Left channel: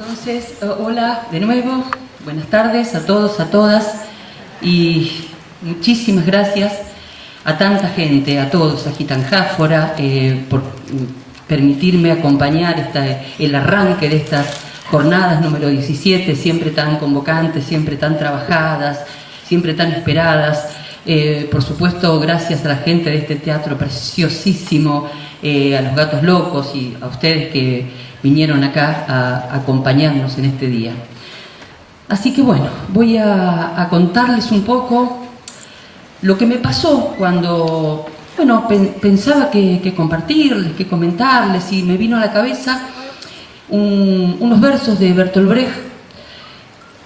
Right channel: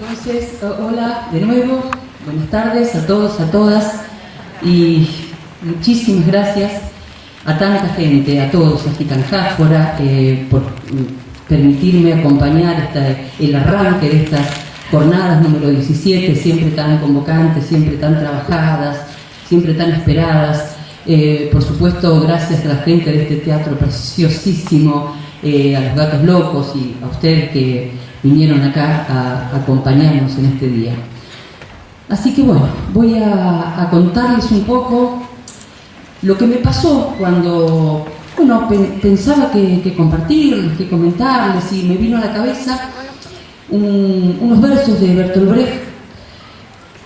Entonces, hola de nuevo, buenas tardes a todos, a todas, y muchísimas gracias a tanta gente, a todos, a Gitanjáfora, por permitirme acompañar el arranque de estas jornadas número 17, siempre tan convocantes, siempre tan trabajadas, siempre tan esperadas. Por supuesto, gracias a la gente de este teatro preciosísimo, a los Gatos Locos y a ustedes que vinieron acá a acompañarnos en este día. Así que bueno, voy a contarles un poco lo que me pasó cuando, pensaba que compartirles, que comentarles, y me vino a la cabeza unos versos de Bertolt Brecht,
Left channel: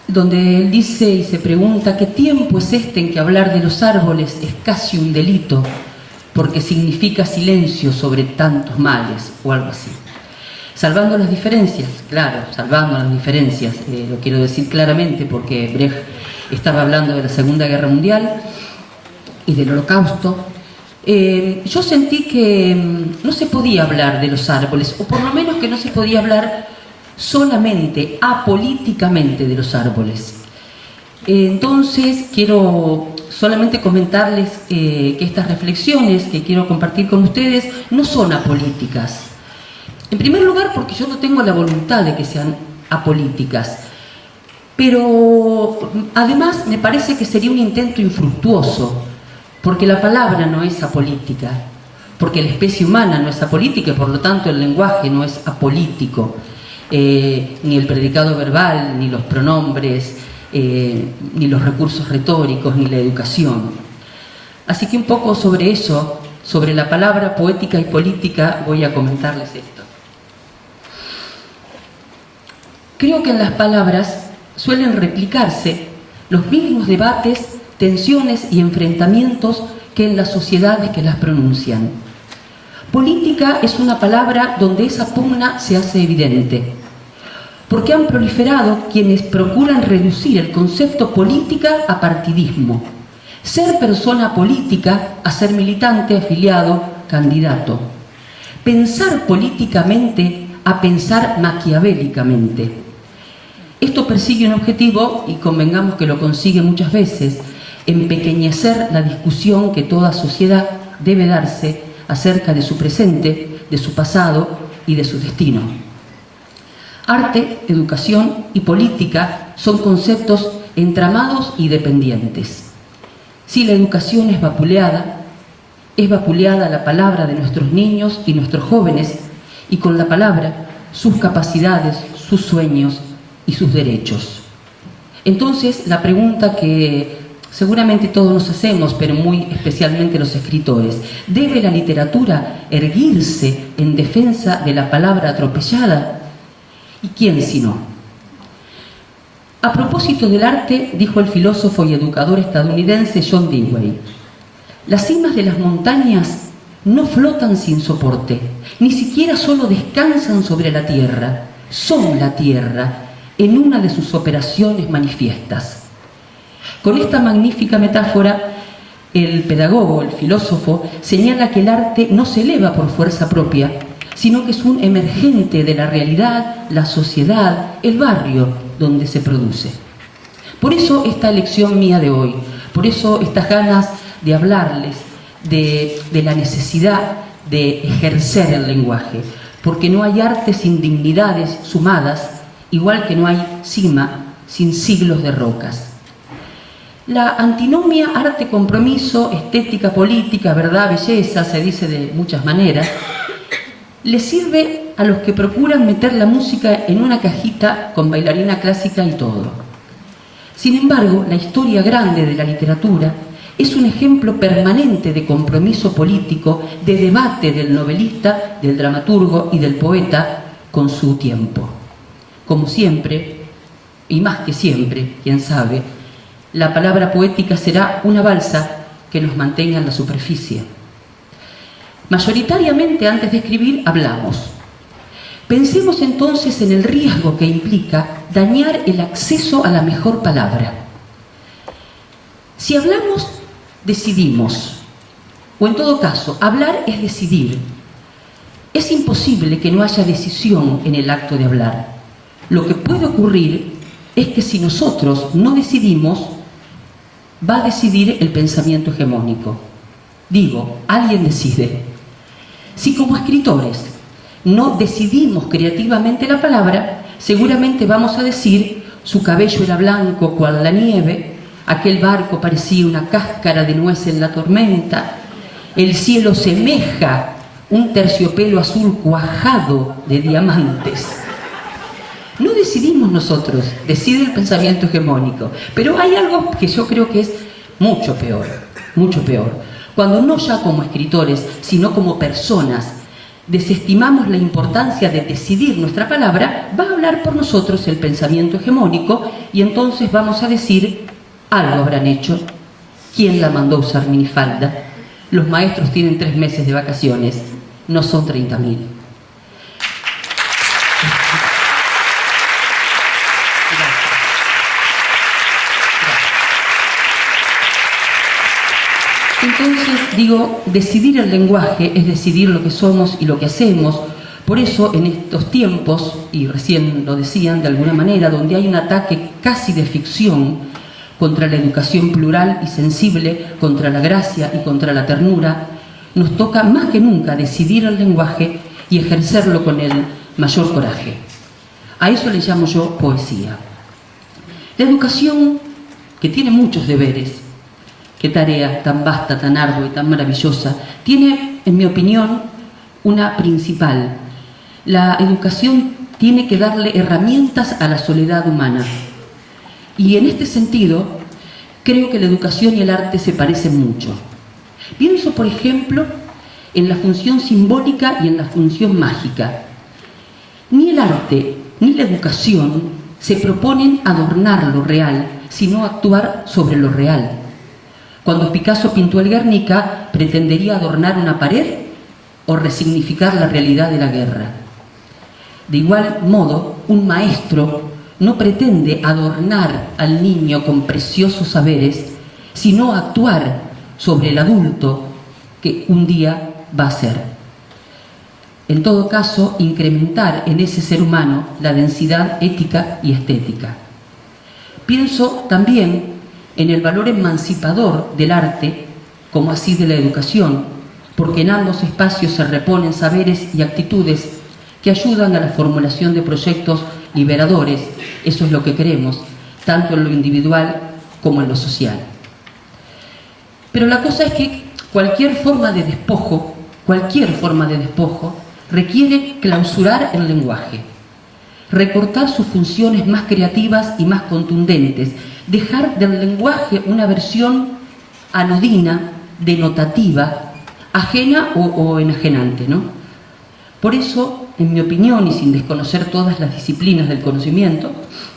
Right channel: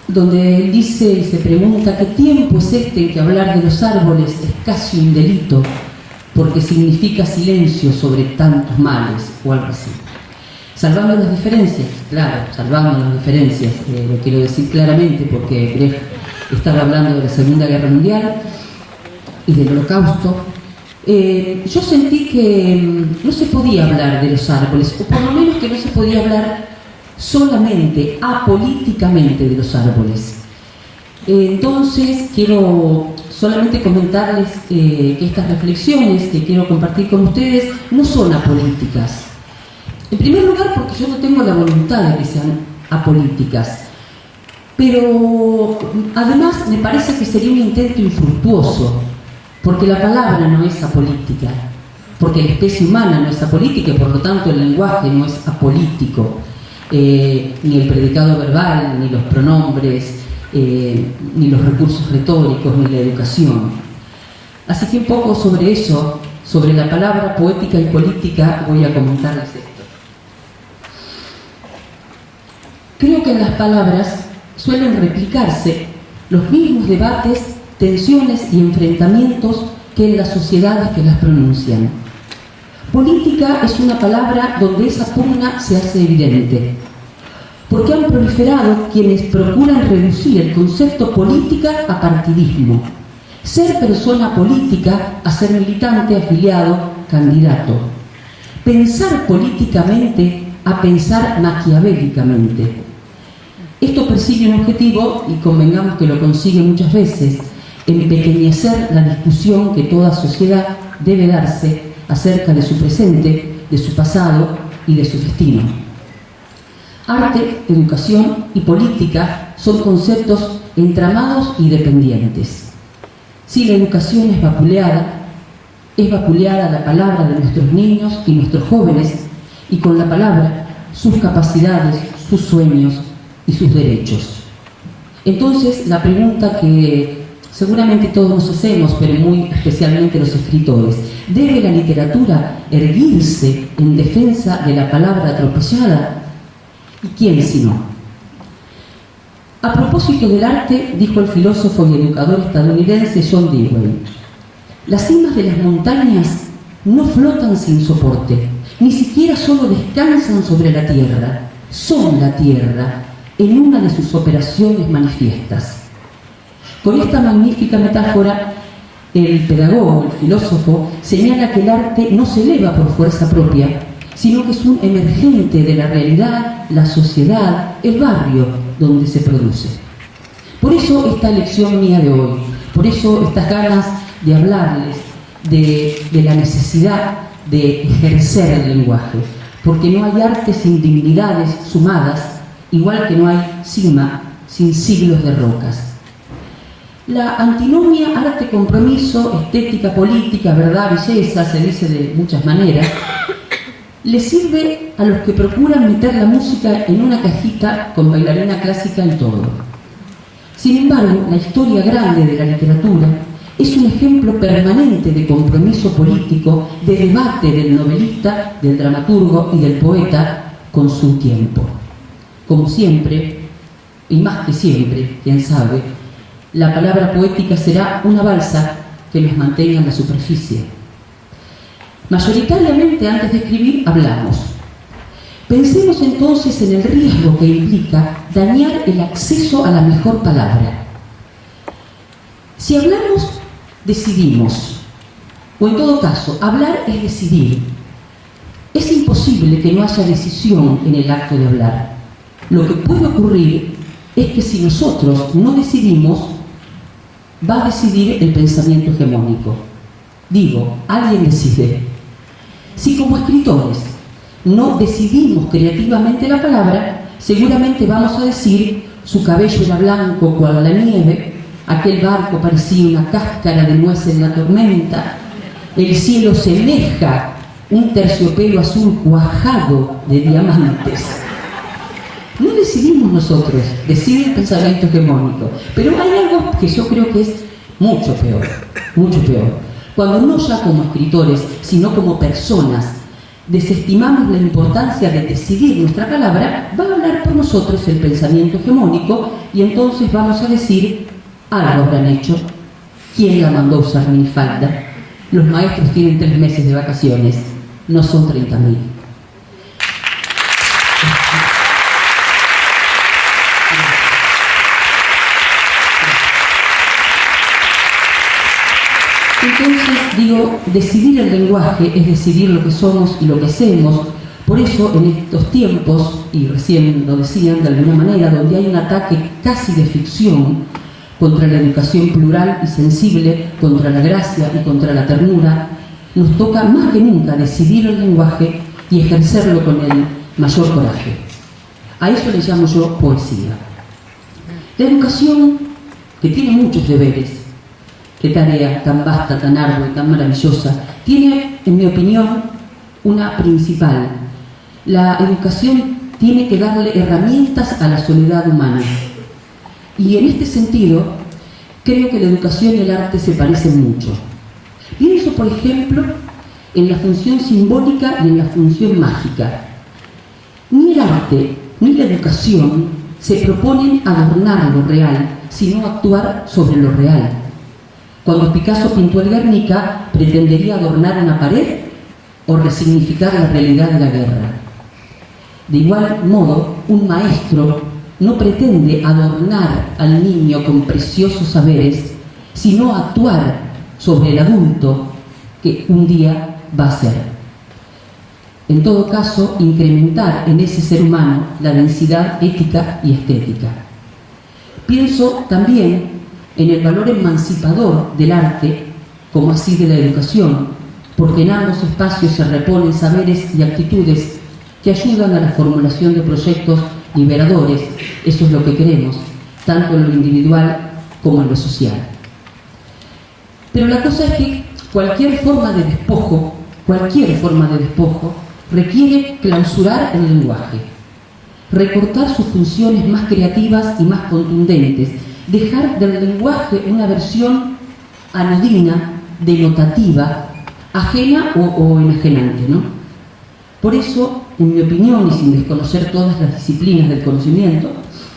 donde él dice y se pregunta: ¿qué tiempo es este en que hablar de los árboles es casi un delito, porque significa silencio sobre tantos males? O algo así. Salvando las diferencias, claro, salvando las diferencias, lo quiero decir claramente porque Brecht estaba hablando de la Segunda Guerra Mundial y del Holocausto. Yo sentí que no se podía hablar de los árboles, o por lo menos que no se podía hablar solamente, apolíticamente de los árboles. Entonces quiero solamente comentarles que estas reflexiones que quiero compartir con ustedes no son apolíticas. En primer lugar, porque yo no tengo la voluntad de que sean apolíticas, pero además me parece que sería un intento infructuoso, porque la palabra no es apolítica, porque la especie humana no es apolítica y por lo tanto el lenguaje no es apolítico, ni el predicado verbal, ni los pronombres, ni los recursos retóricos, ni la educación. Así que un poco sobre eso, sobre la palabra poética y política, voy a comentarles esto. Creo que en las palabras suelen replicarse los mismos debates, tensiones y enfrentamientos que en las sociedades que las pronuncian. Política es una palabra donde esa pugna se hace evidente, porque han proliferado quienes procuran reducir el concepto política a partidismo, ser persona política a ser militante, afiliado, candidato, pensar políticamente a pensar maquiavélicamente. Esto persigue un objetivo, y convengamos que lo consigue muchas veces: empequeñecer la discusión que toda sociedad debe darse acerca de su presente, de su pasado y de su destino. Arte, educación y política son conceptos entramados y dependientes. Si la educación es vapuleada la palabra de nuestros niños y nuestros jóvenes, y con la palabra sus capacidades, sus sueños y sus derechos. Entonces, la pregunta que seguramente todos nos hacemos, pero muy especialmente los escritores: ¿debe la literatura erguirse en defensa de la palabra atropellada? ¿Y quién si no? A propósito del arte, dijo el filósofo y educador estadounidense John Dewey: las cimas de las montañas no flotan sin soporte, ni siquiera solo descansan sobre la tierra, son la tierra en una de sus operaciones manifiestas. Con esta magnífica metáfora, el pedagogo, el filósofo, señala que el arte no se eleva por fuerza propia, sino que es un emergente de la realidad, la sociedad, el barrio donde se produce. Por eso esta lección mía de hoy, por eso estas ganas de hablarles de la necesidad de ejercer el lenguaje, porque no hay arte sin dignidades sumadas, igual que no hay cima sin siglos de rocas. La antinomia arte-compromiso, estética-política, verdad-belleza, se dice de muchas maneras, le sirve a los que procuran meter la música en una cajita con bailarina clásica y todo. Sin embargo, la historia grande de la literatura es un ejemplo permanente de compromiso político, de debate del novelista, del dramaturgo y del poeta con su tiempo. Como siempre, y más que siempre, quién sabe, la palabra poética será una balsa que nos mantenga en la superficie. Mayoritariamente, antes de escribir, hablamos. Pensemos entonces en el riesgo que implica dañar el acceso a la mejor palabra. Si hablamos, decidimos, o en todo caso, hablar es decidir. Es imposible que no haya decisión en el acto de hablar. Lo que puede ocurrir es que si nosotros no decidimos, va a decidir el pensamiento hegemónico. Digo, alguien decide. Si como escritores no decidimos creativamente la palabra, seguramente vamos a decir: su cabello era blanco cual la nieve, aquel barco parecía una cáscara de nuez en la tormenta, el cielo semeja un terciopelo azul cuajado de diamantes. No decidimos nosotros, decide el pensamiento hegemónico. Pero hay algo que yo creo que es mucho peor, mucho peor. Cuando no ya como escritores, sino como personas, desestimamos la importancia de decidir nuestra palabra, va a hablar por nosotros el pensamiento hegemónico y entonces vamos a decir: algo habrán hecho. ¿Quién la mandó a usar minifalda? Los maestros tienen 3 meses de vacaciones, no son 30.000. Entonces, digo, decidir el lenguaje es decidir lo que somos y lo que hacemos. Por eso, en estos tiempos, y recién lo decían de alguna manera, donde hay un ataque casi de ficción contra la educación plural y sensible, contra la gracia y contra la ternura, nos toca más que nunca decidir el lenguaje y ejercerlo con el mayor coraje. A eso le llamo yo poesía. La educación, que tiene muchos deberes, qué tarea tan vasta, tan ardua y tan maravillosa, tiene, en mi opinión, una principal. La educación tiene que darle herramientas a la soledad humana. Y en este sentido, creo que la educación y el arte se parecen mucho. Pienso, por ejemplo, en la función simbólica y en la función mágica. Ni el arte ni la educación se proponen adornar lo real, sino actuar sobre lo real. Cuando Picasso pintó el Guernica, ¿pretendería adornar una pared o resignificar la realidad de la guerra? De igual modo, un maestro no pretende adornar al niño con preciosos saberes, sino actuar sobre el adulto que un día va a ser. En todo caso, incrementar en ese ser humano la densidad ética y estética. Pienso también en el valor emancipador del arte, como así de la educación, porque en ambos espacios se reponen saberes y actitudes que ayudan a la formulación de proyectos liberadores. Eso es lo que queremos, tanto en lo individual como en lo social. Pero la cosa es que cualquier forma de despojo requiere clausurar el lenguaje, recortar sus funciones más creativas y más contundentes, dejar del lenguaje una versión anodina, denotativa, ajena o enajenante, ¿no? Por eso, en mi opinión, y sin desconocer todas las disciplinas del conocimiento,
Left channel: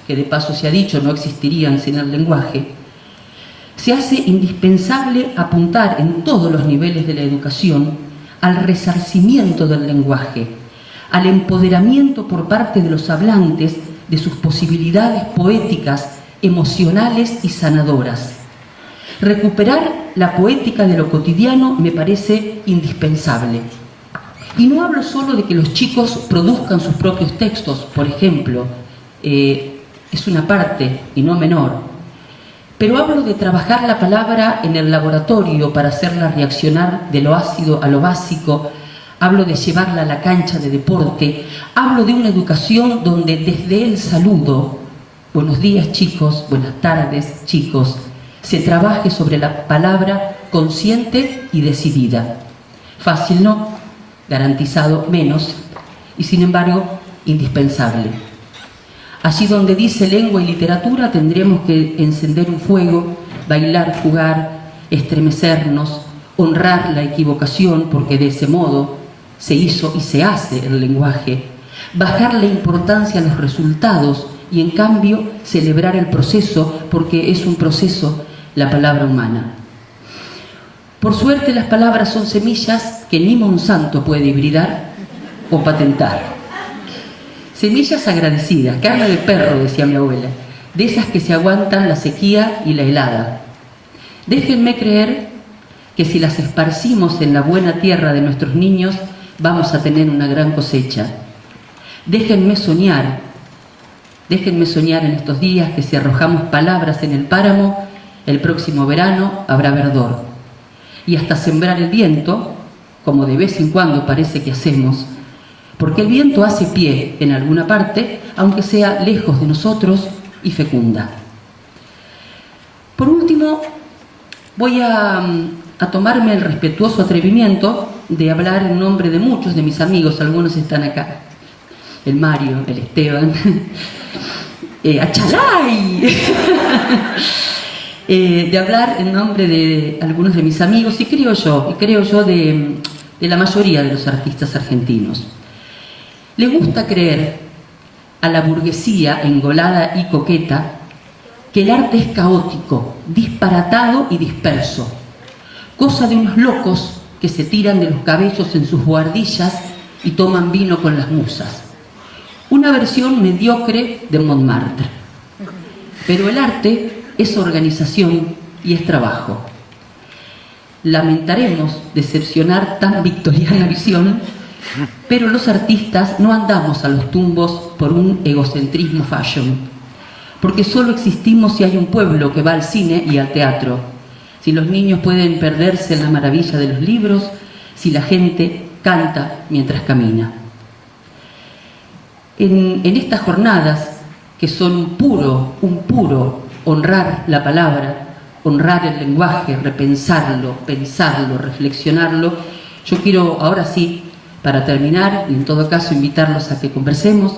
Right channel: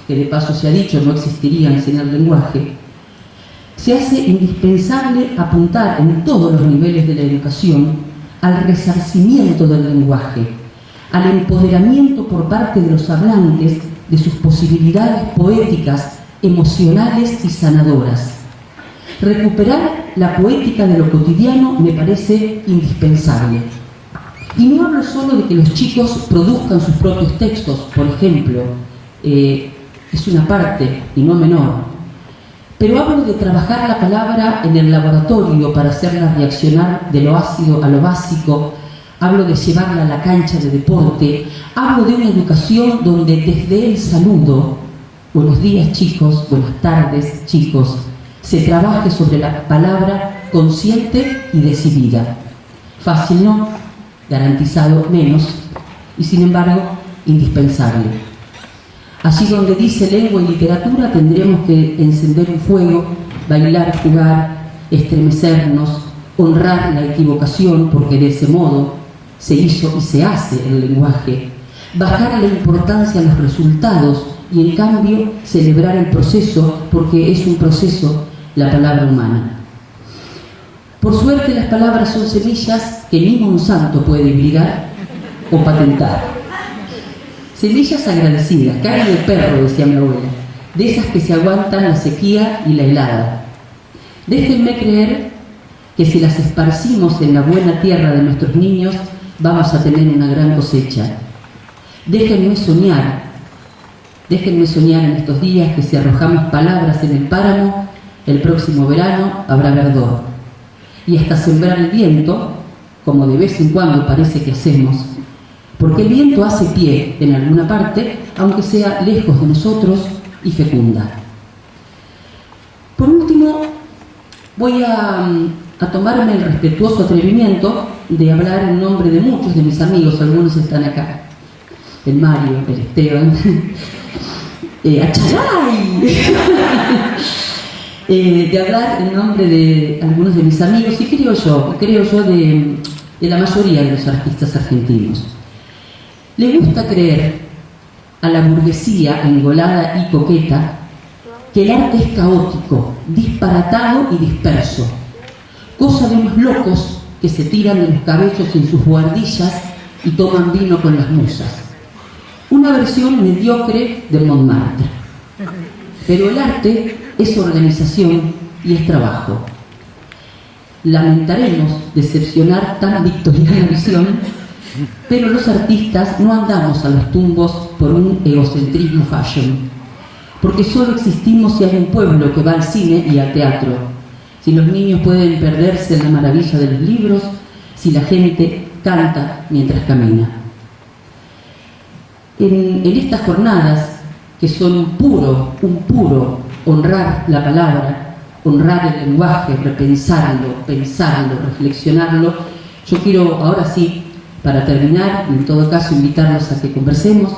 que de paso se ha dicho no existirían sin el lenguaje, se hace indispensable apuntar en todos los niveles de la educación al resarcimiento del lenguaje, al empoderamiento por parte de los hablantes de sus posibilidades poéticas, emocionales y sanadoras. Recuperar la poética de lo cotidiano me parece indispensable. Y no hablo solo de que los chicos produzcan sus propios textos, por ejemplo, es una parte y no menor, pero hablo de trabajar la palabra en el laboratorio para hacerla reaccionar de lo ácido a lo básico, hablo de llevarla a la cancha de deporte, hablo de una educación donde desde el saludo, buenos días chicos, buenas tardes chicos, se trabaje sobre la palabra consciente y decidida. Fácil no, garantizado menos, y sin embargo indispensable. Allí donde dice lengua y literatura tendremos que encender un fuego, bailar, jugar, estremecernos, honrar la equivocación, porque de ese modo se hizo y se hace el lenguaje, bajar la importancia a los resultados y en cambio celebrar el proceso, porque es un proceso la palabra humana. Por suerte las palabras son semillas que ni Monsanto puede hibridar o patentar. Semillas agradecidas, carne de perro, decía mi abuela, de esas que se aguantan la sequía y la helada. Déjenme creer que si las esparcimos en la buena tierra de nuestros niños, vamos a tener una gran cosecha. Déjenme soñar Déjenme soñar en estos días que si arrojamos palabras en el páramo, el próximo verano habrá verdor. Y hasta sembrar el viento, como de vez en cuando parece que hacemos, porque el viento hace pie en alguna parte, aunque sea lejos de nosotros, y fecunda. Por último, voy a tomarme el respetuoso atrevimiento de hablar en nombre de muchos de mis amigos, algunos están acá, el Mario, el Esteban, ¡Achalay! De hablar en nombre de algunos de mis amigos y creo yo de la mayoría de los artistas argentinos. Le gusta creer a la burguesía engolada y coqueta que el arte es caótico, disparatado y disperso, cosa de unos locos que se tiran de los cabellos en sus buhardillas y toman vino con las musas. Una versión mediocre de Montmartre. Pero el arte es organización y es trabajo. Lamentaremos decepcionar tan victoriana visión, pero los artistas no andamos a los tumbos por un egocentrismo fashion, porque solo existimos si hay un pueblo que va al cine y al teatro, si los niños pueden perderse en la maravilla de los libros, si la gente canta mientras camina. En estas jornadas, que son un puro honrar la palabra, honrar el lenguaje, repensarlo, pensarlo, reflexionarlo, yo quiero ahora sí, para terminar, y en todo caso invitarlos a que conversemos,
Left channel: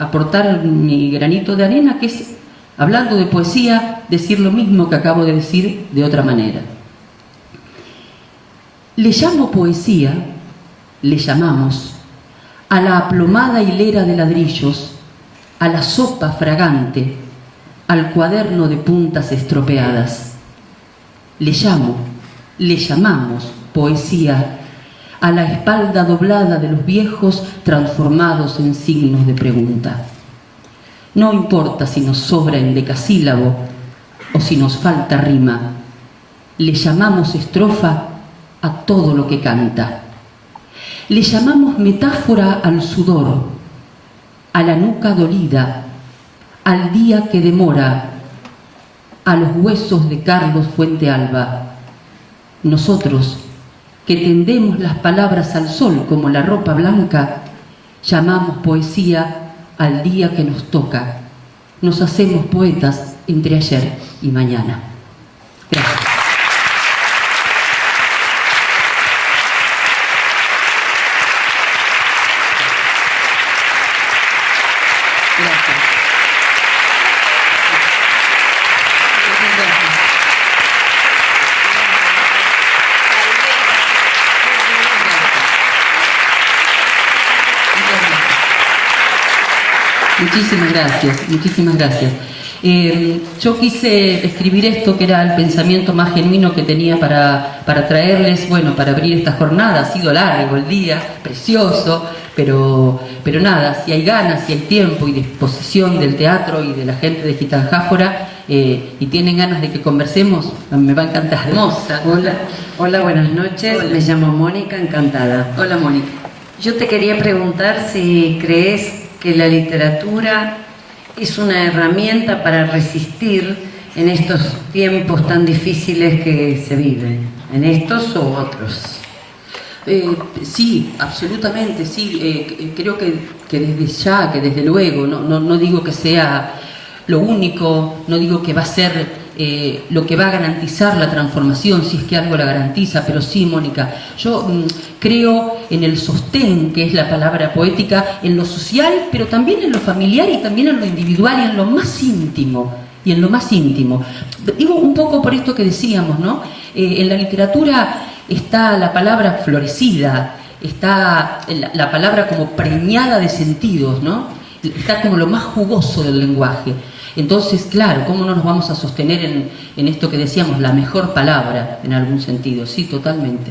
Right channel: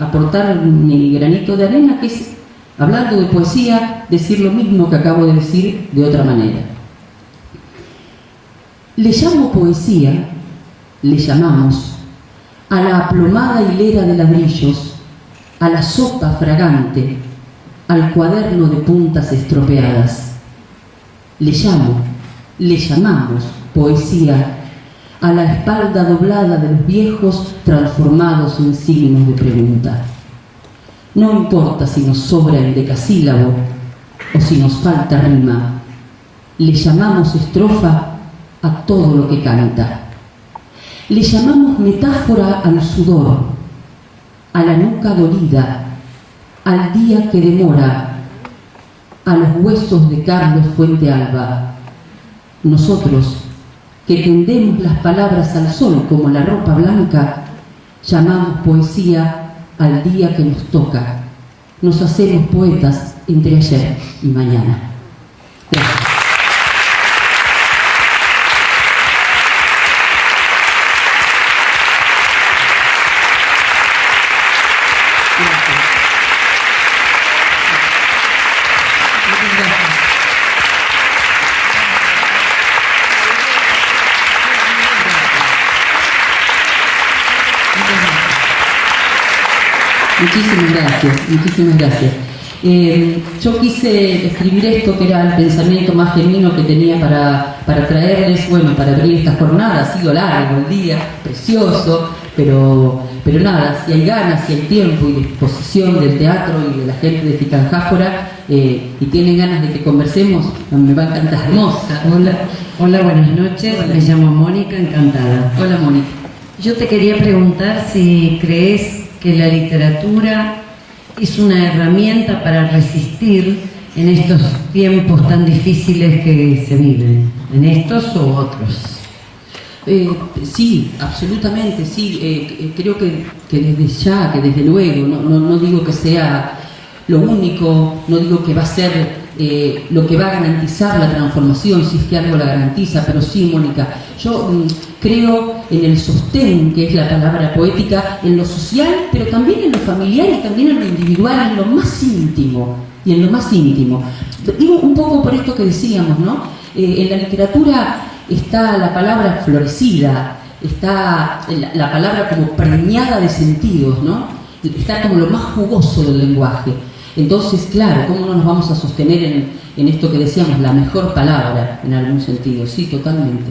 aportar mi granito de arena, que es, hablando de poesía, decir lo mismo que acabo de decir de otra manera. Le llamo poesía, le llamamos, a la aplomada hilera de ladrillos, a la sopa fragante, al cuaderno de puntas estropeadas. Le llamamos poesía a la espalda doblada de los viejos transformados en signos de pregunta. No importa si nos sobra el decasílabo o si nos falta rima, le llamamos estrofa a todo lo que canta. Le llamamos metáfora al sudor, a la nuca dolida, al día que demora, a los huesos de Carlos Fuentealba. Nosotros, que tendemos las palabras al sol como la ropa blanca, llamamos poesía al día que nos toca. Nos hacemos poetas entre ayer y mañana. Gracias. Muchísimas gracias. Yo quise escribir esto, que era el pensamiento más genuino que tenía para traerles, bueno, para abrir esta jornada. Ha sido largo el día, precioso, pero nada, si hay ganas, si hay tiempo y disposición del teatro y de la gente de Gitanjáfora y tienen ganas de que conversemos, me va a encantar. Hermosa. Hola, buenas noches. Hola. Me llamo Mónica, encantada. Hola, Mónica. Yo te quería preguntar si crees que la literatura es una herramienta para resistir en estos tiempos tan difíciles que se viven, en estos u otros. Sí, absolutamente, sí. Creo que desde ya, que desde luego, no digo que sea lo único, no digo que va a ser lo que va a garantizar la transformación, si es que algo la garantiza, pero sí, Mónica, yo creo en el sostén, que es la palabra poética, en lo social, pero también en lo familiar y también en lo individual, en lo más íntimo, y en lo más íntimo. Digo un poco por esto que decíamos, ¿no? En la literatura está la palabra florecida, está la palabra como preñada de sentidos, ¿no? Está como lo más jugoso del lenguaje. Entonces, claro, ¿cómo no nos vamos a sostener en esto que decíamos, la mejor palabra, en algún sentido? Sí, totalmente.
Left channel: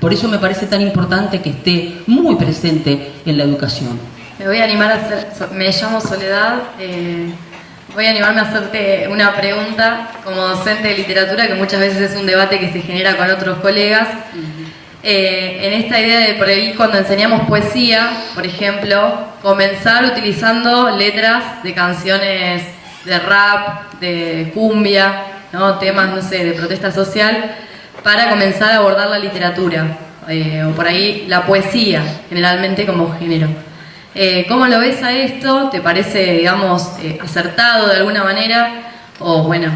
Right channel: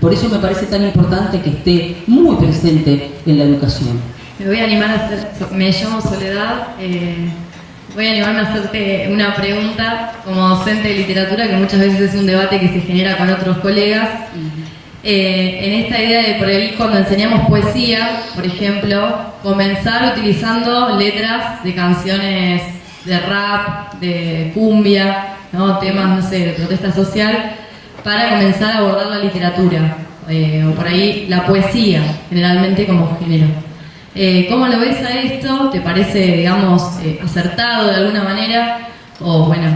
Por eso me parece tan importante que esté muy presente en la educación. Me voy a animar a hacer, me llamo Soledad, voy a animarme a hacerte una pregunta como docente de literatura, que muchas veces es un debate que se genera con otros colegas. En esta idea de por ahí cuando enseñamos poesía, por ejemplo, comenzar utilizando letras de canciones de rap, de cumbia, ¿no? Temas, no sé, de protesta social, para comenzar a abordar la literatura, o por ahí la poesía, generalmente como género. ¿Cómo lo ves a esto? ¿Te parece, digamos, acertado de alguna manera? O bueno,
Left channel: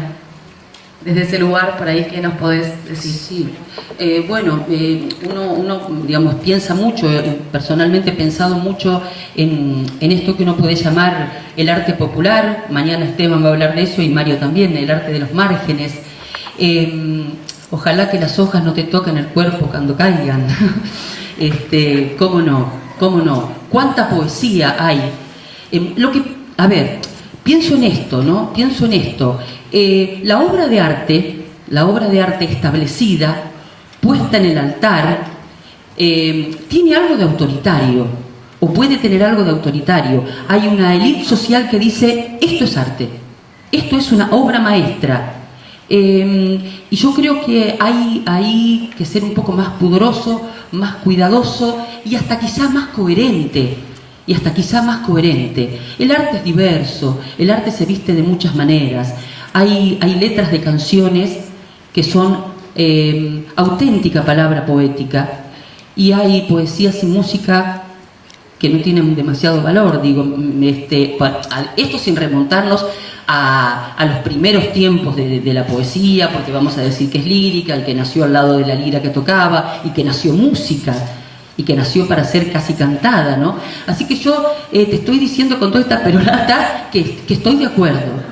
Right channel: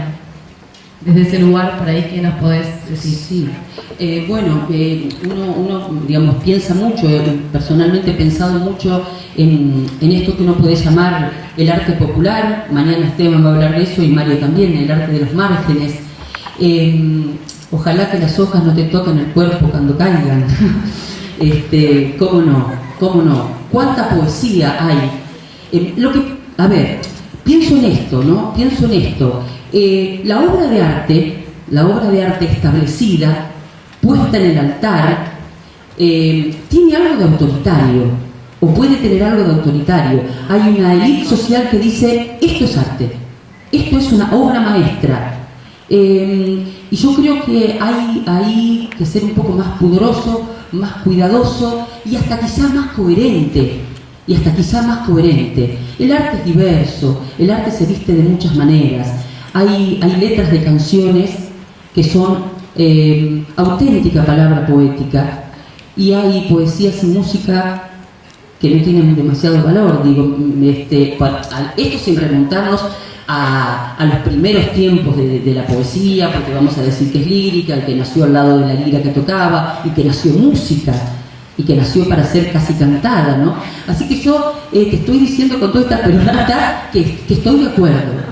desde ese lugar, por ahí, ¿qué nos podés decir? Sí, uno, digamos, piensa mucho, personalmente he pensado mucho en esto que uno puede llamar el arte popular. Mañana Esteban va a hablar de eso y Mario también, el arte de los márgenes. Ojalá que las hojas no te toquen el cuerpo cuando caigan. ¿Cómo no? ¿Cómo no? ¿Cuánta poesía hay? A ver, pienso en esto, ¿no? Pienso en esto. La obra de arte establecida, puesta en el altar, tiene algo de autoritario, o puede tener algo de autoritario. Hay una élite social que dice, esto es arte, esto es una obra maestra. Y yo creo que hay que ser un poco más pudoroso, más cuidadoso y hasta quizás más coherente. El arte es diverso, el arte se viste de muchas maneras. Hay letras de canciones que son auténtica palabra poética, y hay poesías y música que no tienen demasiado valor, esto sin remontarnos a los primeros tiempos de la poesía, porque vamos a decir que es lírica, el que nació al lado de la lira que tocaba, y que nació música, y que nació para ser casi cantada, ¿no? Así que yo te estoy diciendo con toda esta perorata que estoy de acuerdo.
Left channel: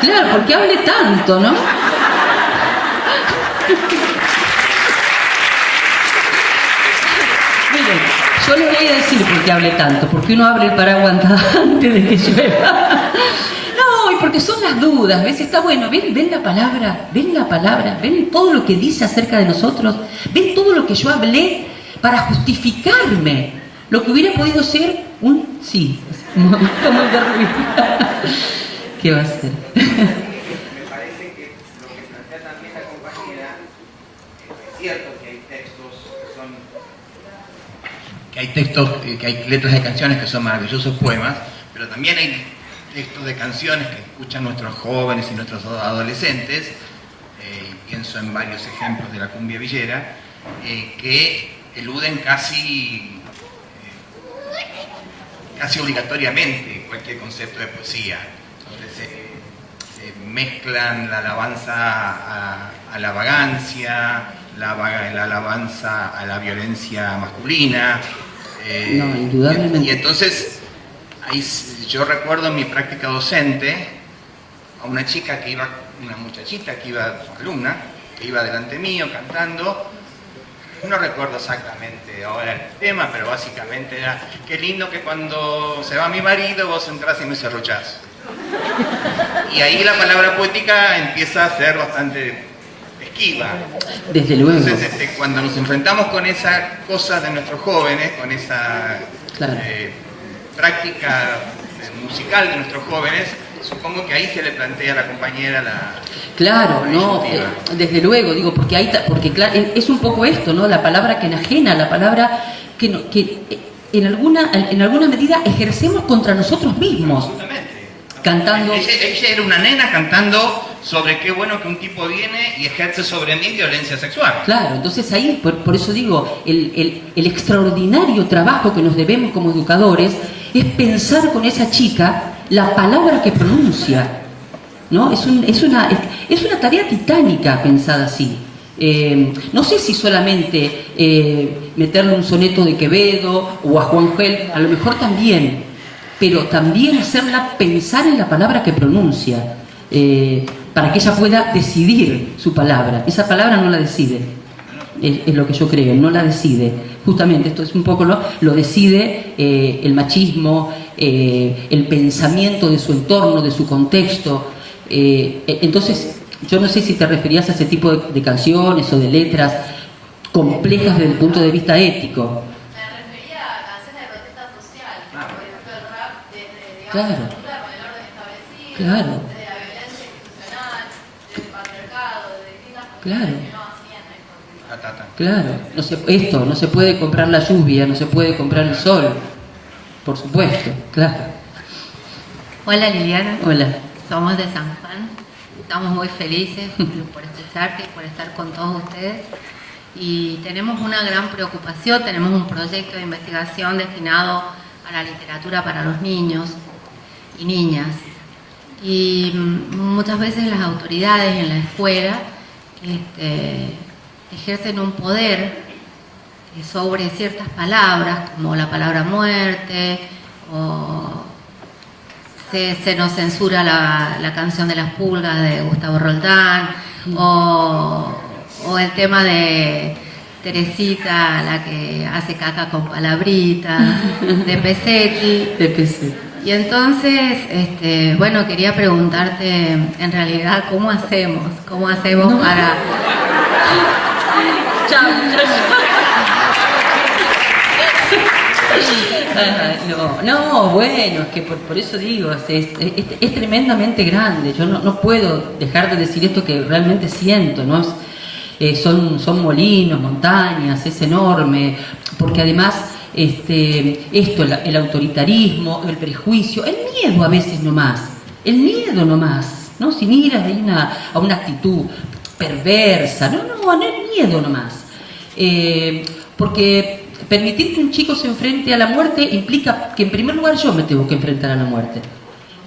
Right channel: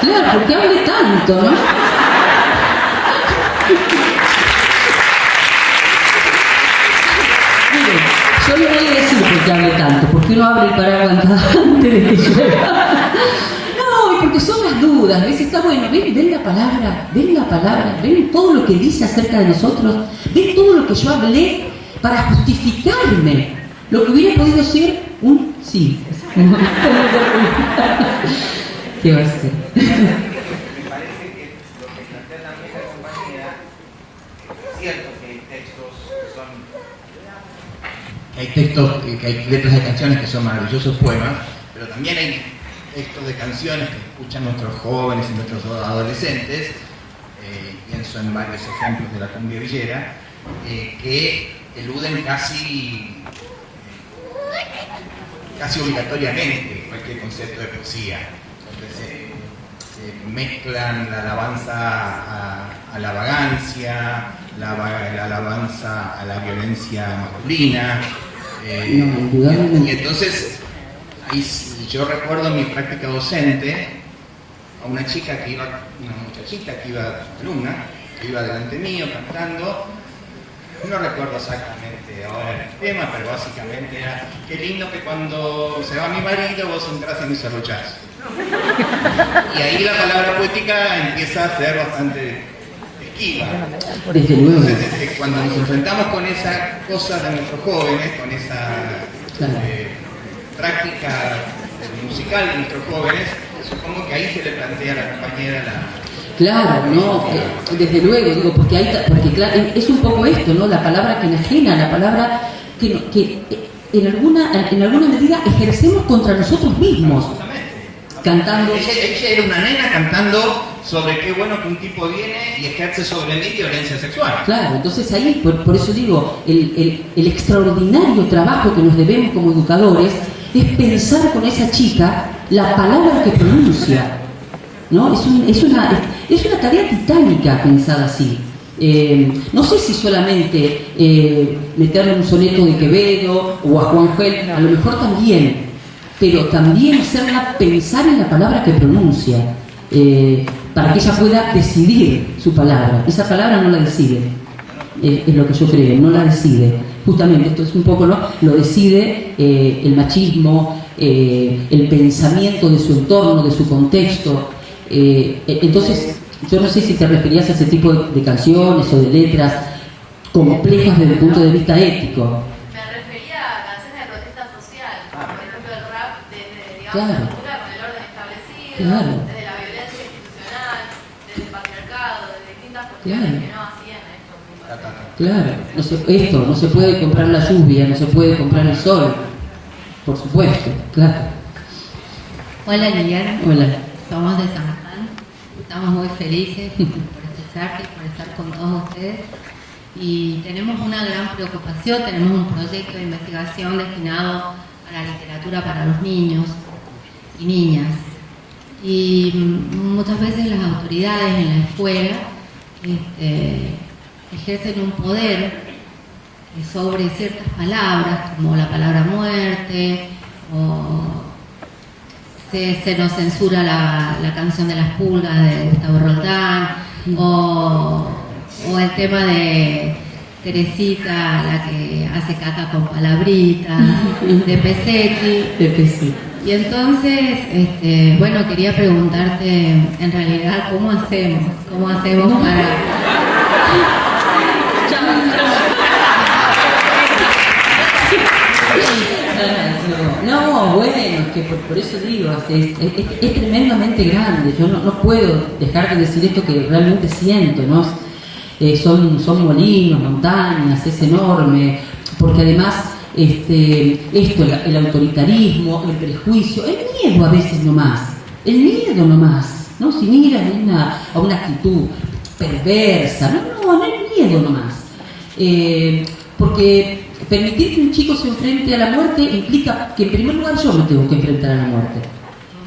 Claro, porque hable tanto, ¿no? Miren, yo les voy a decir por qué hable tanto, porque uno abre el paraguas antes de que llueva. No, y porque son las dudas, ¿ves? Está bueno, ven la palabra, ven todo lo que dice acerca de nosotros, ven todo lo que yo hablé para justificarme, lo que hubiera podido ser un sí. ¿Qué va a ser? Me parece que lo que plantea también la compañera es cierto que hay textos que hay letras de canciones que son maravillosos poemas, pero también hay textos de canciones que escuchan nuestros jóvenes y nuestros adolescentes, pienso en varios ejemplos de la cumbia villera, que eluden casi obligatoriamente cualquier concepto de poesía, donde se mezclan la alabanza a la vagancia, la alabanza a la violencia masculina. No, indudablemente. Y entonces, ahí yo recuerdo en mi práctica docente a una muchachita que iba, alumna, que iba delante mío cantando. No recuerdo exactamente ahora el tema, pero básicamente era: qué lindo que cuando se va mi marido vos entrás y me cerruchás. Y ahí la palabra poética empieza a ser bastante esquiva. Desde luego. Entonces, cuando nos enfrentamos con esa cosa de nuestros jóvenes, con esa práctica musical de nuestros jóvenes, supongo que ahí se le plantea a la compañera Claro, no, desde luego, porque claro, es un poco esto, ¿no? La palabra que enajena, la palabra que en alguna medida ejercemos contra nosotros mismos. Absolutamente. Cantando. Ella era una nena cantando sobre qué bueno que un tipo viene y ejerce sobre mí violencia sexual. Claro, entonces ahí, por eso digo, el extraordinario trabajo que nos debemos como educadores es pensar con esa chica la palabra que pronuncia, ¿no? Es una tarea titánica pensada así. No sé si solamente meterle un soneto de Quevedo o a Juan Gel, a lo mejor también, pero también hacerla pensar en la palabra que pronuncia, para que ella pueda decidir su palabra. Esa palabra no la decide, es lo que yo creo, no la decide. Justamente esto es un poco, ¿no? Lo decide el machismo, el pensamiento de su entorno, de su contexto. Entonces, yo no sé si te referías a ese tipo de canciones o de letras complejas desde el punto de vista ético. Me refería a canciones de protesta social, por ejemplo el rap desde, digamos, Claro. la cultura con el orden establecido, Claro. desde la violencia institucional, desde el patriarcado, desde distintas Claro. cuestiones que no hacían esto. Claro, esto, no se puede comprar la lluvia, no se puede comprar el sol, por supuesto, claro. Hola Liliana. Hola. Somos de San Juan. Estamos muy felices por este charque, por estar con todos ustedes. Y tenemos una gran preocupación, tenemos un proyecto de investigación destinado a la literatura para los niños y niñas. Y muchas veces las autoridades en la escuela ejercen un poder sobre ciertas palabras, como la palabra muerte, o se nos censura la canción de las pulgas de Gustavo Roldán, o el tema de Teresita, la que hace caca con palabritas, de Pesetti. Y entonces, bueno, quería preguntarte, en realidad, ¿cómo hacemos para... No, bueno, es que por eso digo, es tremendamente grande. Yo no puedo dejar de decir esto que realmente siento, ¿no? Son molinos, montañas, es enorme, porque además el autoritarismo, el prejuicio, el miedo a veces nomás, ¿no? Si miras a una actitud perversa, no el miedo nomás, porque permitir que un chico se enfrente a la muerte implica que en primer lugar yo me tengo que enfrentar a la muerte.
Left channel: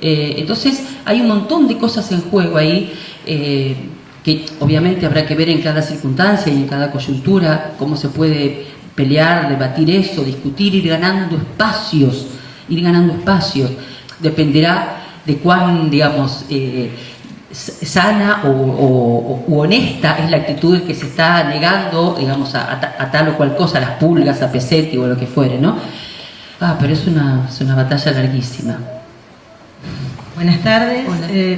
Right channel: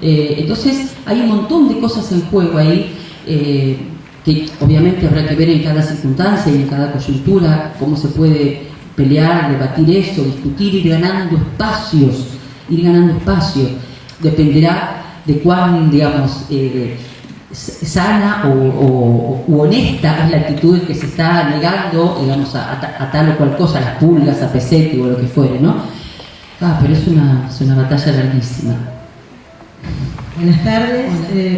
Entonces hay un montón de cosas en juego ahí, que obviamente habrá que ver en cada circunstancia y en cada coyuntura cómo se puede pelear, debatir eso, discutir, ir ganando espacios. Dependerá de cuán, digamos, sana o honesta es la actitud que se está negando, digamos, a tal o cual cosa, a las pulgas, a Pesetti o a lo que fuere, ¿no? Pero es una batalla larguísima. Buenas tardes.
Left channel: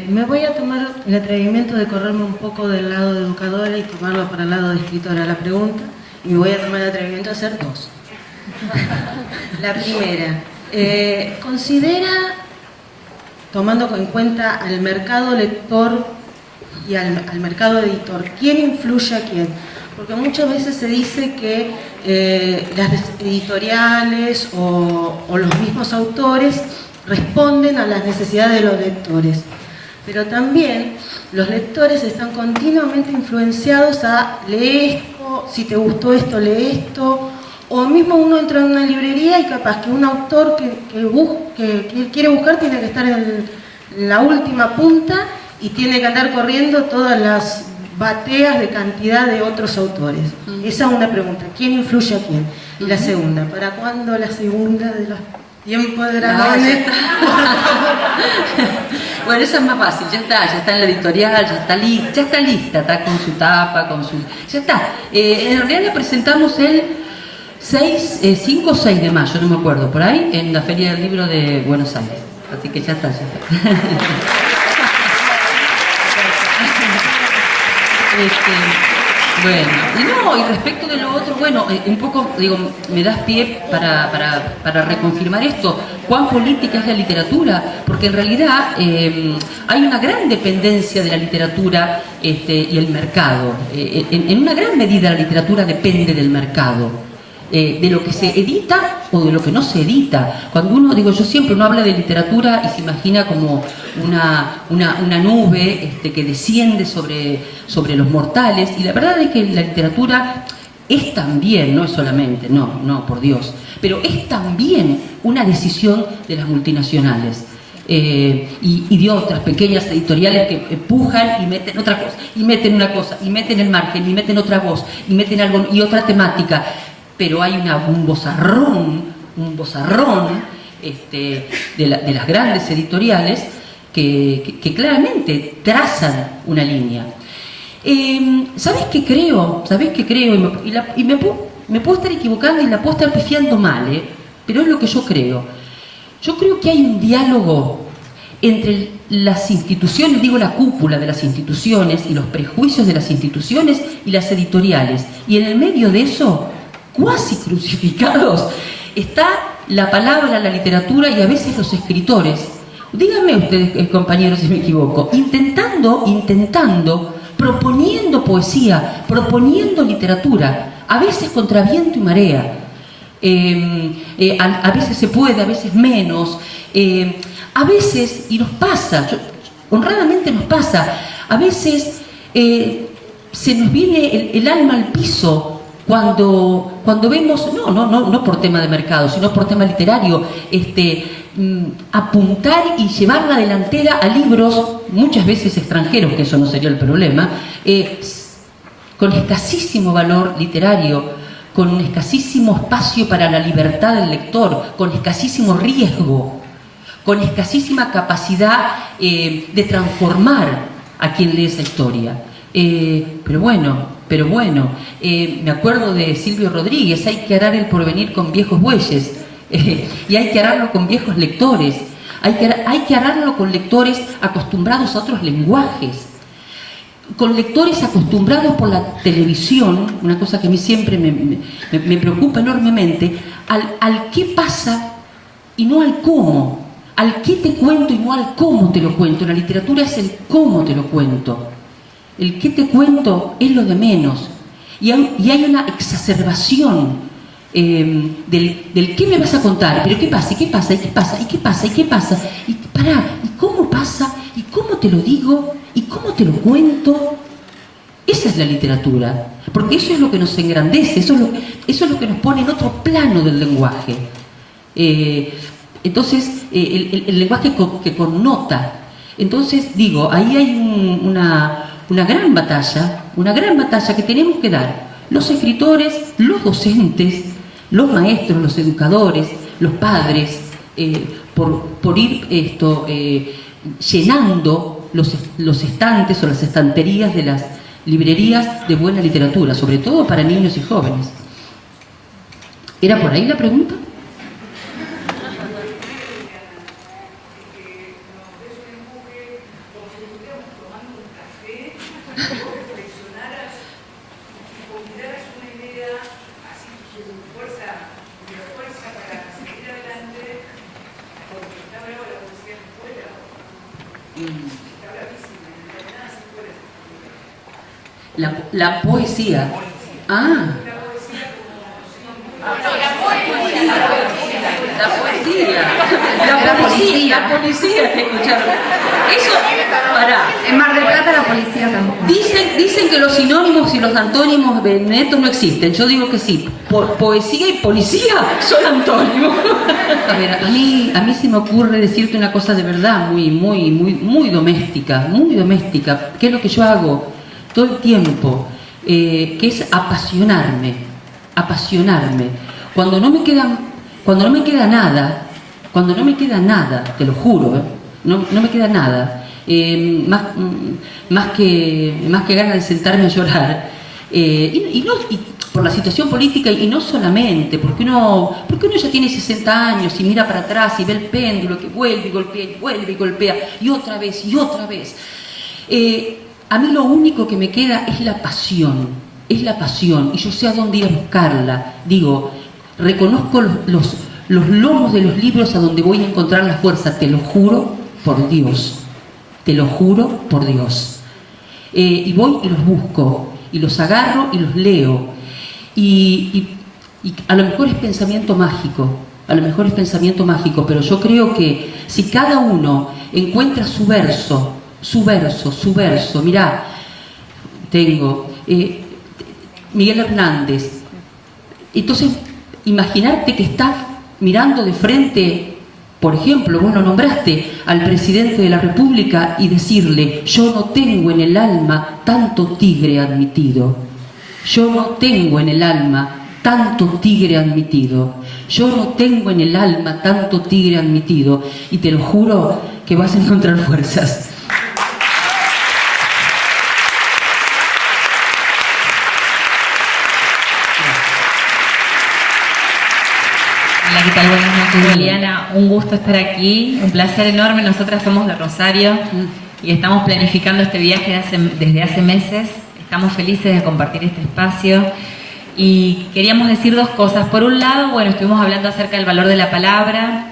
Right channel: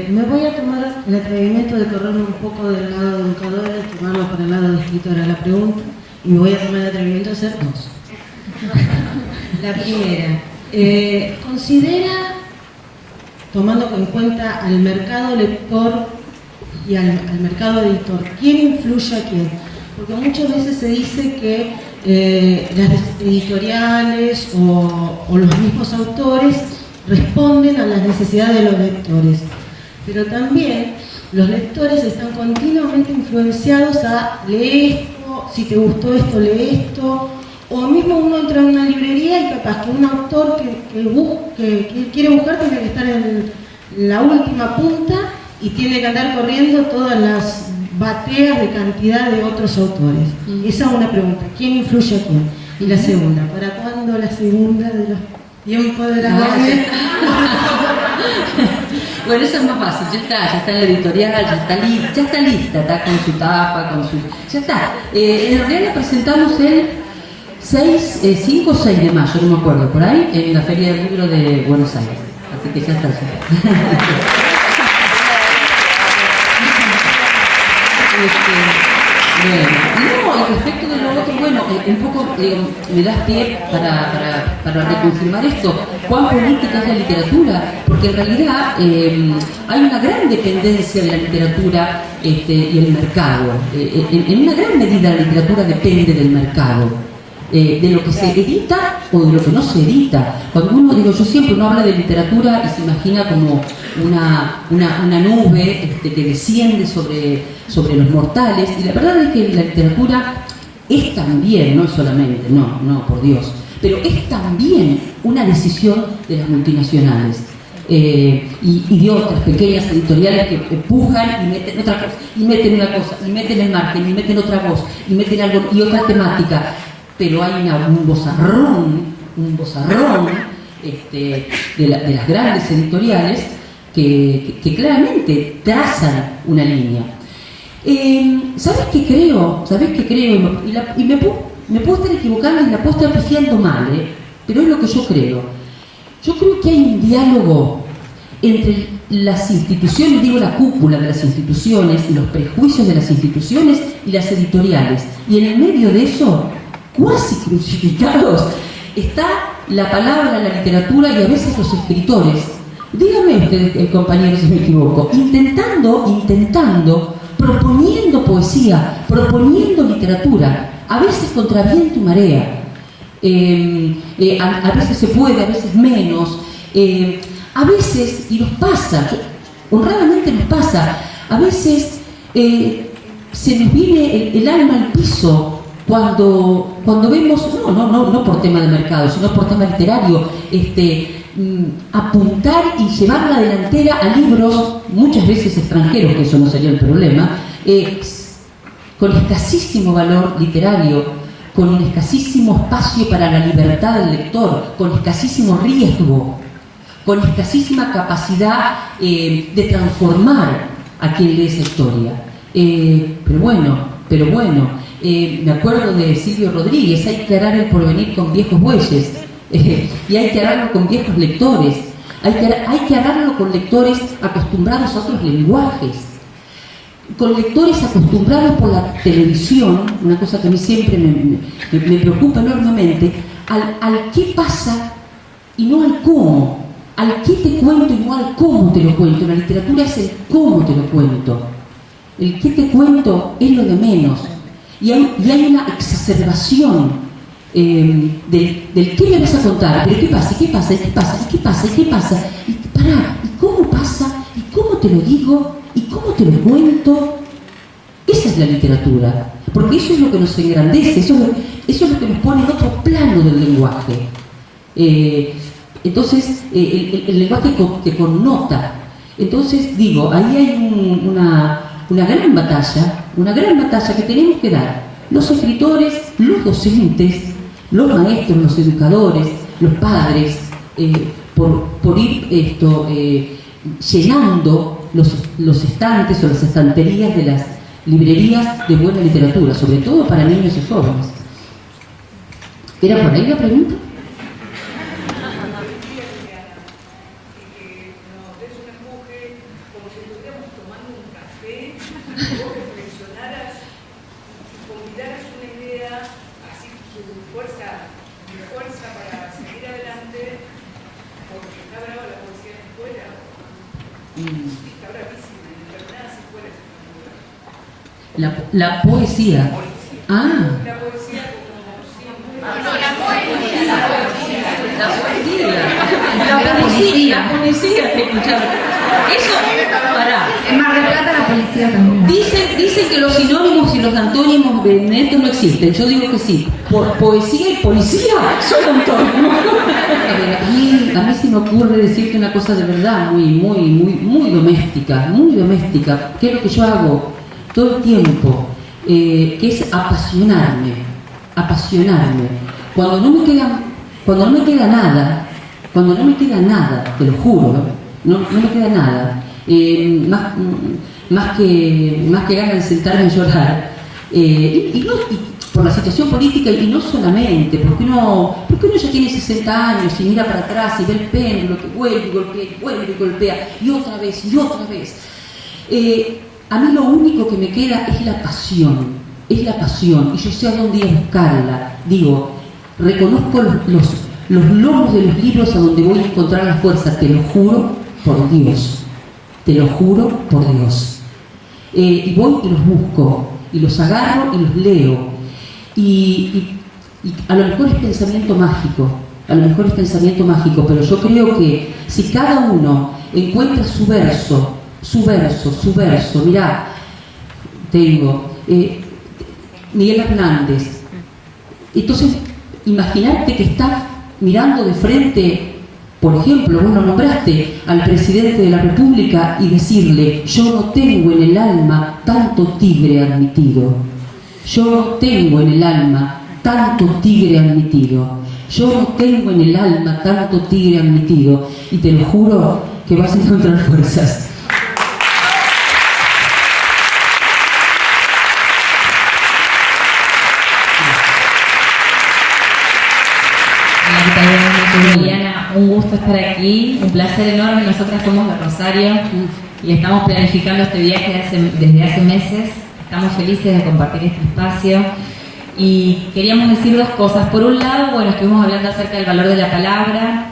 Me voy a tomar el atrevimiento de correrme un poco del lado de educadora y tomarlo para el lado de escritora la pregunta, y me voy a tomar el atrevimiento de hacer dos. La primera, considera, tomando en cuenta al mercado lector y al mercado editor, ¿quién influye a quién? Porque muchas veces se dice que las editoriales o los mismos autores responden a las necesidades de los lectores, pero también los lectores están continuamente influenciados a leer esto, si te gustó esto, lee esto, o mismo uno entra en una librería y capaz que un autor que quiere buscar tiene que estar en la última punta y tiene que andar corriendo todas las bateas de cantidad de otros autores. Esa es una pregunta, ¿quién influye a quién? Y la segunda, ¿para cuándo la segunda de los tiempos de dragones? Bueno, esa es más fácil, ya está en la editorial, ya está lista, está con su tapa, ya está. En realidad la presentamos el 5 o 6 de mayo, no me acuerdo, por ahí, en la Feria del Libro de Buenos Aires. Así que ya está. Bueno, y respecto de lo otro, bueno, un poco, digo, me das pie para reconfirmar esto. ¿Cuán política es la literatura? Porque en realidad hay una gran dependencia de la literatura y el mercado. En una gran medida la literatura depende del mercado. De lo que se edita o de lo que no se edita. Cuando uno, yo siempre uno habla de literatura y se imagina como una nube que desciende sobre los mortales, y la verdad es que la literatura es también, no es solamente, no, por Dios, pero es también una decisión de las multinacionales. Y de otras pequeñas editoriales que empujan y meten otra cosa, y meten una cosa, y meten el margen, y meten otra voz, y meten algo, y otra temática. Pero hay un bozarrón de las grandes editoriales que claramente trazan una línea. ¿Sabes qué creo? Y me puedo estar equivocando y la puedo estar pifiando mal, pero es lo que yo creo. Yo creo que hay un diálogo entre las instituciones, la cúpula de las instituciones y los prejuicios de las instituciones y las editoriales. Y en el medio de eso, cuasi crucificados, está la palabra, la literatura y a veces los escritores. Díganme ustedes, compañeros, si me equivoco, intentando, proponiendo poesía, proponiendo literatura, a veces contra viento y marea. A veces se puede, a veces menos. A veces, y nos pasa, honradamente nos pasa, a veces se nos viene el alma al piso cuando vemos, no por tema de mercado, sino por tema literario, apuntar y llevar la delantera a libros, muchas veces extranjeros, que eso no sería el problema, con escasísimo valor literario, con un escasísimo espacio para la libertad del lector, con escasísimo riesgo, con escasísima capacidad de transformar a quien lee esa historia. Pero bueno, me acuerdo de Silvio Rodríguez: hay que arar el porvenir con viejos bueyes, y hay que ararlo con viejos lectores, hay que ararlo con lectores acostumbrados a otros lenguajes, con lectores acostumbrados por la televisión, una cosa que a mí siempre me preocupa enormemente, al qué pasa y no al cómo, al qué te cuento y no al cómo te lo cuento. La literatura es el cómo te lo cuento. El qué te cuento es lo de menos. Y hay una exacerbación del qué me vas a contar, pero qué pasa, y qué pasa, y qué pasa, y qué pasa, y qué pasa, y pará, y cómo pasa, y cómo te lo digo, y cómo te lo cuento. Esa es la literatura, porque eso es lo que nos engrandece, eso es lo que nos pone en otro plano del lenguaje. Entonces, el lenguaje que connota. Entonces, digo, ahí hay una gran batalla que tenemos que dar los escritores, los docentes, los maestros, los educadores, los padres, por ir llenando los estantes o las estanterías de las librerías de buena literatura, sobre todo para niños y jóvenes. ¿Era por ahí la pregunta? La poesía. Ah. La poesía La policía, te escucharon. Eso, pará. En Mar del Plata la policía también. Dicen que los sinónimos y los antónimos de netos no existen. Yo digo que sí. Poesía y policía son antónimos. A ver, a mí se me ocurre decirte una cosa de verdad muy doméstica, que es lo que yo hago todo el tiempo, que es apasionarme. Cuando no me queda nada, te lo juro, no me queda nada, más que ganas de sentarme a llorar, y por la situación política, y no solamente, porque uno ya tiene 60 años y mira para atrás y ve el péndulo que vuelve y golpea, y otra vez. A mí lo único que me queda es la pasión, y yo sé a dónde ir a buscarla. Digo, reconozco los lomos de los libros a donde voy a encontrar la fuerza, te lo juro por Dios. Y voy y los busco, y los agarro y los leo. Y a lo mejor es pensamiento mágico, pero yo creo que si cada uno encuentra su verso, mirá, tengo Miguel Hernández. Entonces, imaginarte que estás mirando de frente, por ejemplo, vos lo nombraste al presidente de la República, y decirle: yo no tengo en el alma tanto tigre admitido. Yo no tengo en el alma tanto tigre admitido. Y te lo juro que vas a encontrar fuerzas. Hola, ¿qué tal? Buenas noches, Liliana. Un gusto estar aquí, un placer enorme. Nosotras somos de Rosario y estamos planificando este viaje desde hace meses. Estamos felices de compartir este espacio y queríamos decir dos cosas. Por un lado, bueno, estuvimos hablando acerca del valor de la palabra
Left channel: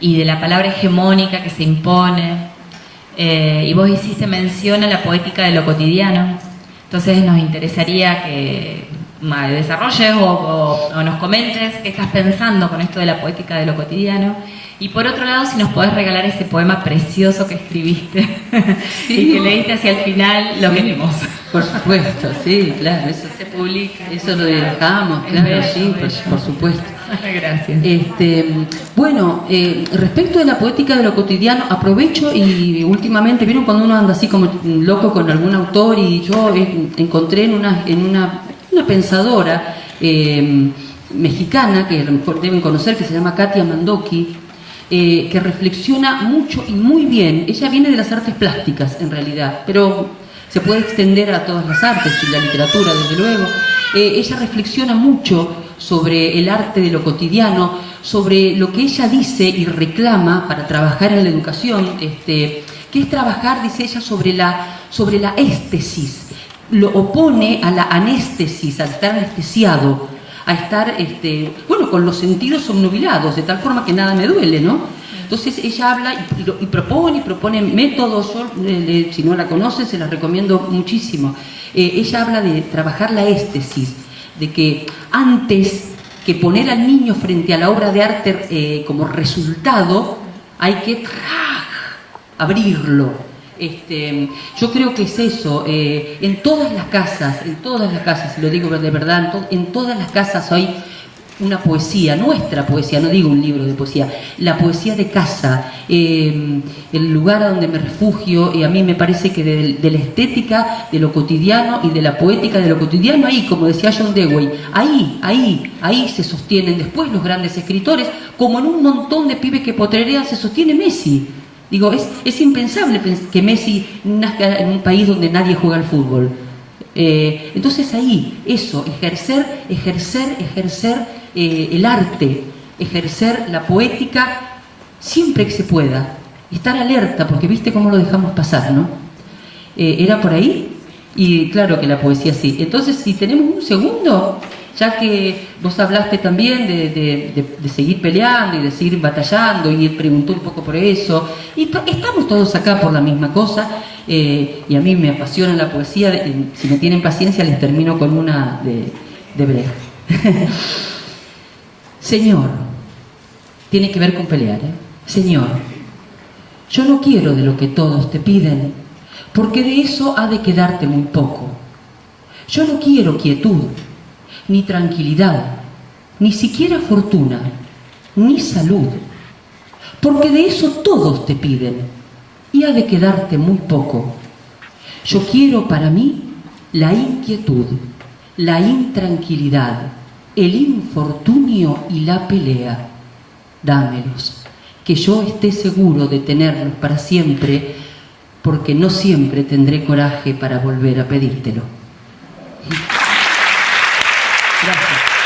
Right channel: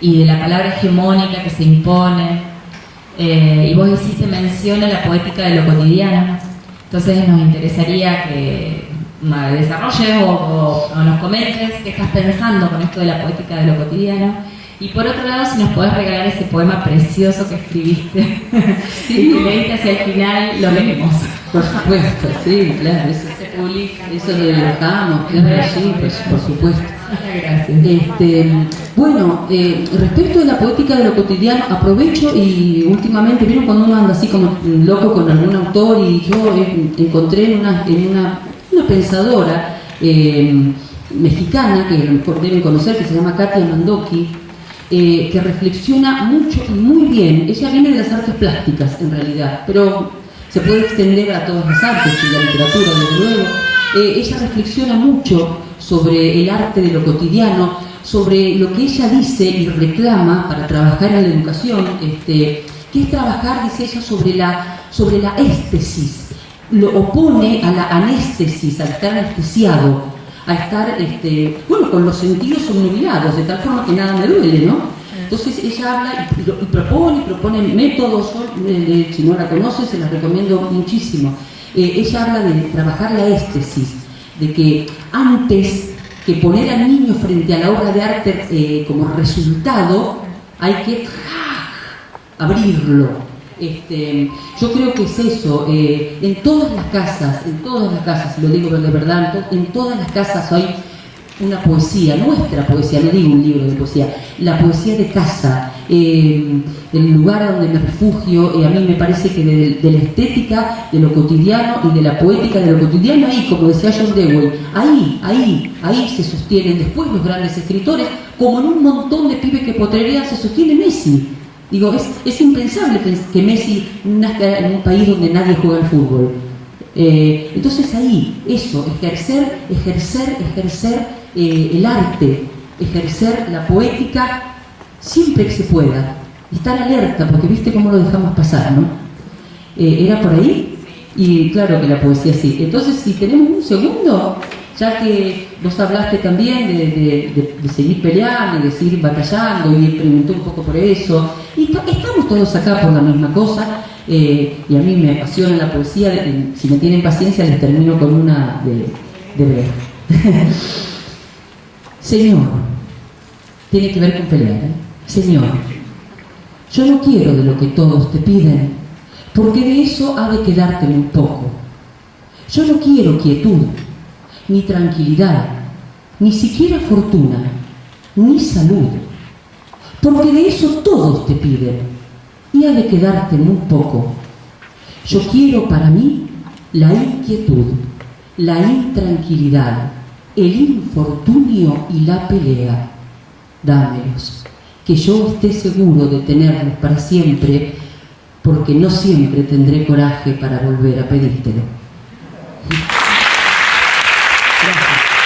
y de la palabra hegemónica que se impone, y vos hiciste mención a la poética de lo cotidiano. Entonces nos interesaría que desarrolles o nos comentes qué estás pensando con esto de la poética de lo cotidiano. Y por otro lado, si nos podés regalar ese poema precioso que escribiste y que leíste hacia el final, lo queremos. Por supuesto, sí, claro, eso Se publica. Eso lo dejamos, claro, sí, por supuesto. Gracias. Bueno, respecto de la poética de lo cotidiano, aprovecho y últimamente, ¿vieron cuando uno anda así como loco con algún autor? Y yo encontré en una pensadora mexicana, que a lo mejor deben conocer, que se llama Katia Mandoki, que reflexiona mucho y muy bien. Ella viene de las artes plásticas, en realidad, pero se puede extender a todas las artes y la literatura, desde luego. Ella reflexiona mucho sobre el arte de lo cotidiano, sobre lo que ella dice y reclama para trabajar en la educación, que es trabajar, dice ella, sobre la éstesis. Lo opone a la anéstesis, al estar anestesiado, a estar con los sentidos obnubilados, de tal forma que nada me duele, ¿no? Entonces ella habla y propone métodos. Yo, si no la conocen, se las recomiendo muchísimo. Ella habla de trabajar la éstesis, de que antes que poner al niño frente a la obra de arte como resultado, hay que abrirlo. Yo creo que es eso. En todas las casas, lo digo de verdad, en todas las casas hay una poesía, nuestra poesía, no digo un libro de poesía, la poesía de casa, el lugar a donde me refugio. A mí me parece que de la estética, de lo cotidiano y de la poética de lo cotidiano, ahí, como decía John Dewey, ahí se sostienen después los grandes escritores, como en un montón de pibes que potrerean se sostiene Messi. Digo, es impensable que Messi nazca en un país donde nadie juega al fútbol. Entonces ahí, eso, ejercer el arte, ejercer la poética siempre que se pueda, estar alerta, porque viste cómo lo dejamos pasar, ¿no? Era por ahí, y claro que la poesía sí. Entonces, si tenemos un segundo, ya que vos hablaste también de seguir peleando y de seguir batallando, y él preguntó un poco por eso, y estamos todos acá por la misma cosa, y a mí me apasiona la poesía. Si me tienen paciencia, les termino con una de Brecht. Señor, tiene que ver con pelear, ¿eh? Señor, yo no quiero de lo que todos te piden, porque de eso ha de quedarte muy poco. Yo no quiero quietud, ni tranquilidad, ni siquiera fortuna, ni salud, porque de eso todos te piden, y ha de quedarte muy poco. Yo quiero para mí la inquietud, la intranquilidad, el infortunio y la pelea. Dámelos, que yo esté seguro de tenerlos para siempre, porque no siempre tendré coraje para volver a pedírtelo. Gracias.